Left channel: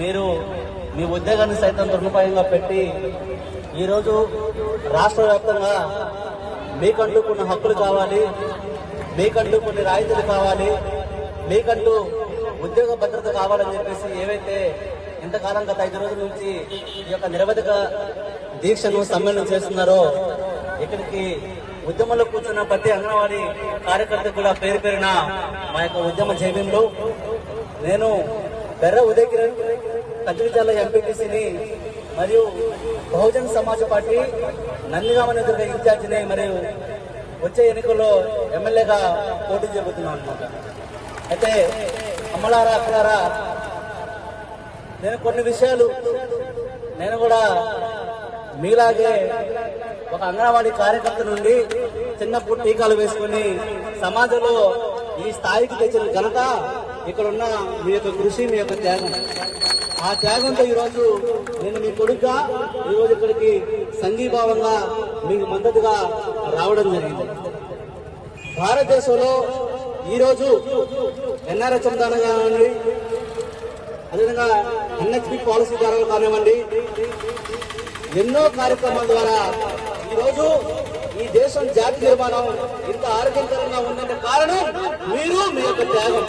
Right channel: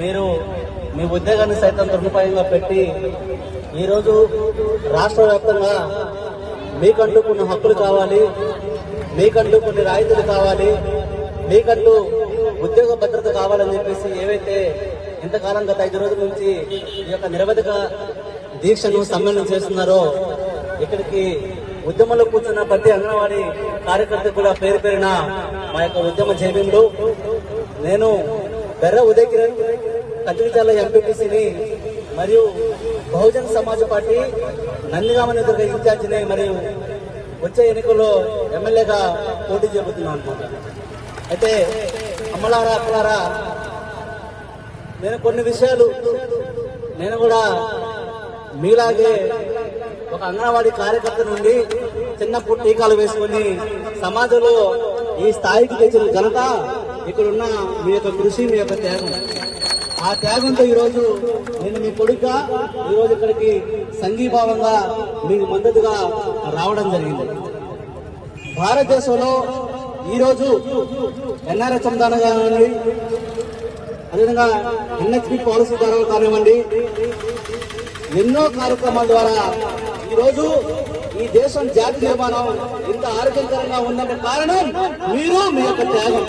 మీరు మీ ఉద్యోగాన్ని సైతం సదుపాయంగా పెట్టి ఈరోజు రాష్ట్ర వ్యాప్తంగా మీకంటూ కొన్ని హక్కులు కావాలి మీకంటూ కొన్ని రాయితీలు కావాలి మీకంటూ ఉద్యోగ భద్రత కావాలని చెప్పేసి ఏవైతే ఇంతకాలం గత ఐదు రోజుల నుంచి ఈ యొక్క నిరవధిక దీక్షను సమ్మేళనం చేస్తున్నారో ఇక్కడికి ఉద్యమంలో కూర్చున్న ప్రతి అంగన్వాడీ కార్యకర్తకు కూడా పేరు పేరిన మా యొక్క ఉద్యమ జైవ్యంలో నేను బెర్ర ఉదయ్ కిరణ్ కత్తిరిచాల ఎంపీటీసీని మరియు బహుజన్ సమాజ్ పార్టీ నందిగామ నియోజకవర్గ ఇన్ఛార్జిని మరియు వచ్చే ఎన్నికల్లో ఎమ్మెల్యేగా పోటీ చేయబోతున్నాను అయితే అమ్మలారా అక్కలారా నేను కొన్ని విషయాలు నేను కూడా మీలాగే ఒక అంగన్వాడీ కార్యకర్త నుండి చిన్నప్పుడు టీకాలు వేసుకుని సమాజంలో ఈ స్థాయికి తెచ్చిన ఘనత ఇక్కడున్న మీ యొక్క కృషి మీ యొక్క త్యాగం. ఆ త్యాగంతో ఈరోజు నేను మీ కొడుకుగా ఈరోజు ఇక్కడికి సంఘీభావంగా మీకు మద్దతుగా రావడం జరిగింది. భారతదేశంలో ఈరోజు ఎన్ఆర్ఎస్ చందాన కానివ్వండి అదేవిధంగా ఎన్ఎస్పి పాలసీ ద్వారా కానివ్వండి ఎన్నో కార్యక్రమాల ద్వారా ఈరోజు ఈ దేశం జాతి నిర్మాణం ఇంత ఆరోగ్యకరంగా ఉన్నందుకు కారణం మీరు మీ యొక్క త్యాగం.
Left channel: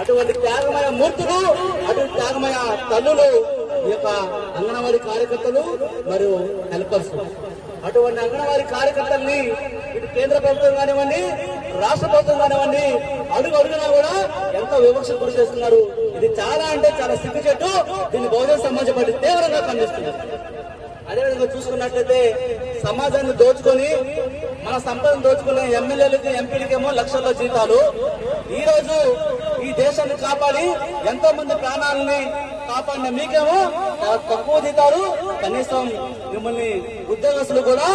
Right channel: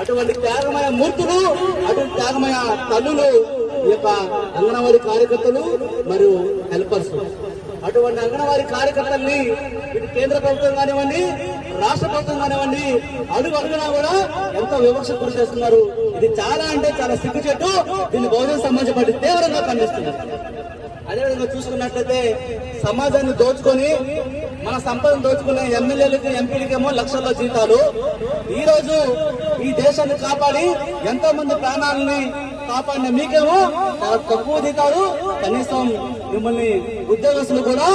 అటువంటి త్యాగమయ మూర్తులు అటువంటి త్యాగమయ తల్లులు ఈ యొక్క అంగన్వాడీ కార్యకర్తలు మరియు హెల్పర్స్ అటువంటి అంగన్వాడీ కార్యకర్తల్ని ఇటు కేంద్ర ప్రభుత్వం కానివ్వండి రాష్ట్ర ప్రభుత్వం కానివ్వండి అడుగు అడుగునా కూడా ఎంతో వివక్ష గురి చేస్తున్నారు. ఇది చాలా అంటే చాలా సిగ్గుచెట్టు దీన్ని బహుజన సమాజ పార్టీ తీవ్రంగా ఖండిస్తున్నారు. అదేవిధంగా చూసుకున్నట్లయితే సమాజాన్ని దోచుకొని మన సంపదను దోచుకునే ఎమ్మెల్యేలకి ఎంపీలకి ఏమో లక్షల్లో జీతాలు. ఈ రోజు ఈ దేశాన్ని కాపాడి ఎంతో మంది ప్రాణాలని కాపాడిన మీకేమో? తక్కువ జీతాలు కనీసం మిమ్మల్ని ఉద్యోగస్తులు కూడా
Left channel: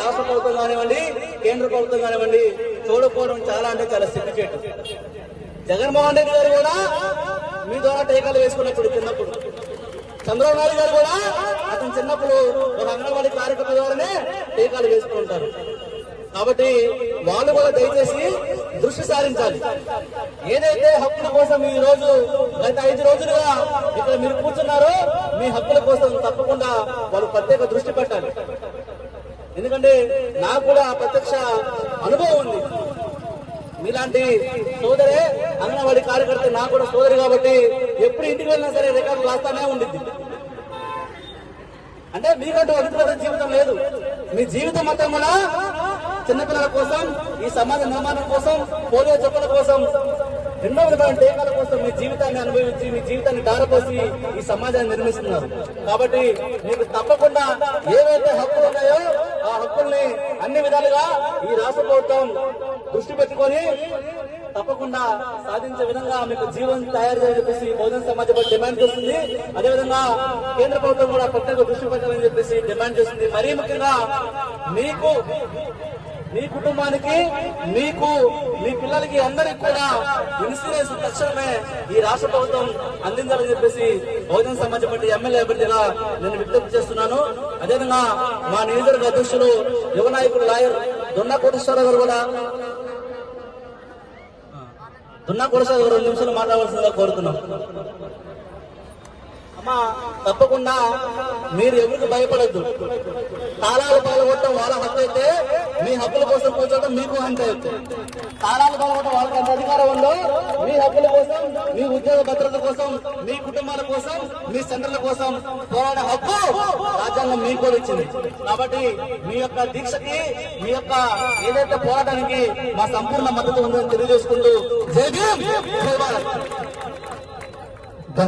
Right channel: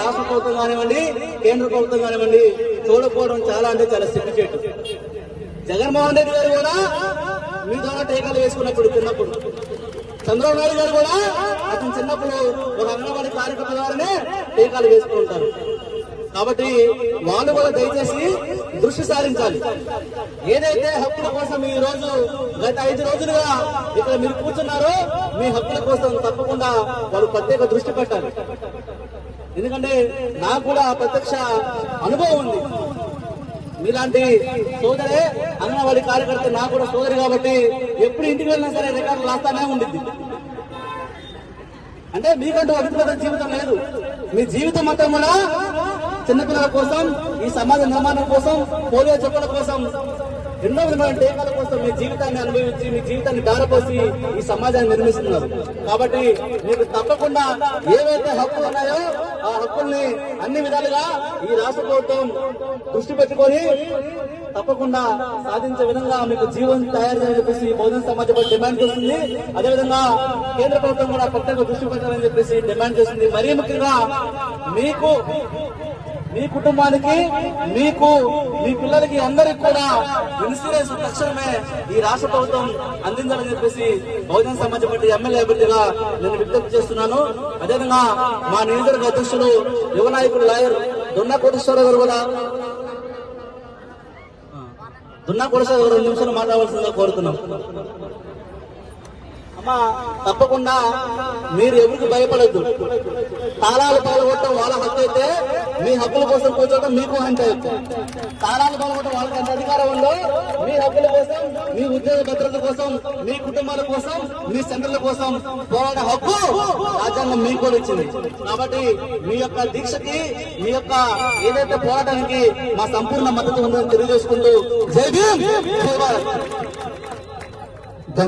రాష్ట్ర ప్రభుత్వం కానివ్వండి కేంద్ర ప్రభుత్వం కానివ్వండి చూడకపోవడం చాలా అంటే చాలా సిగ్గుచేటు జగన్మోహన్ రెడ్డి గారు కూడా మీ ద్వారా టీకాలు వేసుకున్నప్పుడు చిన్నప్పుడు. చంద్రబాబు నాయుడు గారు కూడా అతను చిన్నప్పుడు ఒక అంగన్వాడీ కార్యకర్త ద్వారానే టీకాలు వేసుకుంటారు. కాబట్టి వాళ్ళు కూడా దయచేసి దృష్టి సారించాలి. ఏదైతే హక్కుల కోసం ఈ రోజు గత ఐదు రోజులుగా ఇక్కడ మీరు కూర్చున్నారో మీ హక్కుల కోసం తప్పకుండా వాళ్ళు ప్రత్యేక దృష్టి పెట్టాలి. ఎందుకంటే నాకు కూడా ప్రత్యక్ష అనుభవం ఉంది. మీలాంటి సోదరే అంగన్వాడి కార్యకర్త నాకు కూడా సోదరి కాబట్టి ఎప్పుడు ఇంటికి వెళ్ళినా సరే రికార్డు రాస్తానే ఉంది అంటే మీకంటూ వ్యక్తిగత జీవితం లేదు. మీ జీవితం మొత్తం కూడా చిన్నపిల్లల కోసం ఈ సమాజ నిర్మాణం కోసం పోలియో చెప్పుల కోసం ఎన్నో విధమైన టీకాల కోసం మీ జీవితాన్ని అనుభవించి మీ జీవితాన్ని దారపోసి ఈ సమాజాన్ని నిర్మిస్తున్నారు. కాబట్టి మీకు తప్పకుండా ఏవైతే హక్కులు ఉన్నాయో ఆ హక్కుల్ని అన్ని విధాలుగా ఈ రాష్ట్ర ప్రభుత్వం దృష్టి పెట్టుకొని తప్పకుండా సాధించే విధంగా మీకు జీవనం తయారు చేయాలని చెప్పేసి బహుజన సమాజం డిమాండ్ చేస్తుంది. అదేవిధంగా కేంద్ర ప్రభుత్వం కూడా ప్రత్యేక దృష్టి పెట్టాలని చెప్పేసి డిమాండ్ చేస్తుంది. మరీ ముఖ్యంగా మీకు మీ కుటుంబానికి మీకు మీ పిల్లలకి అందరికి కూడా ఇన్సూరెన్స్ తక్షణమే ఈ రాష్ట్ర ప్రభుత్వం అందించాలని చెప్పేసి బహుజన సమాజ పార్టీ ఎమ్మెల్యే అభ్యర్థిగా నేను విజ్ఞప్తి చేస్తున్నాను. అదేవిధంగా మా నియోజకవర్గ అధ్యక్షులు యువ నాయకుడు లాయర్ దొన్న కోటేశ్వరరావు గారు కూడా దున్నా కోటేశ్వర గారు రెండు నిమిషాలు మాట్లాడవలసిందిగా కోరుతున్నాం. అమ్మా తప్పకుండా మీరు ఎవరికి భయపడద్దు. తాళాలు పాల్గొట్టడం వాళ్ళ హక్కు. మీ హక్కుల కోసం కూర్చోవడం మీకు అంటే తాళాలు పాల్గొట్టడం వాళ్ళకి ఎంత అధికారం ఉందో మీ హక్కుల కోసం మీ ఉద్యోగ భద్రత కోసం మీ కుటుంబాల కోసం మీ సెంటర్ల కోసం పోరాడే హక్కు రాజ్యాంగం మీకు కూడా కాబట్టి మీ యొక్క దీక్షకి మీ యొక్క ఏదైతే పోరాటానికి మా సంపూర్ణ మద్దతు ఉందని తెలియజేసుకుంటూ జై భీమ్ జై భారత్!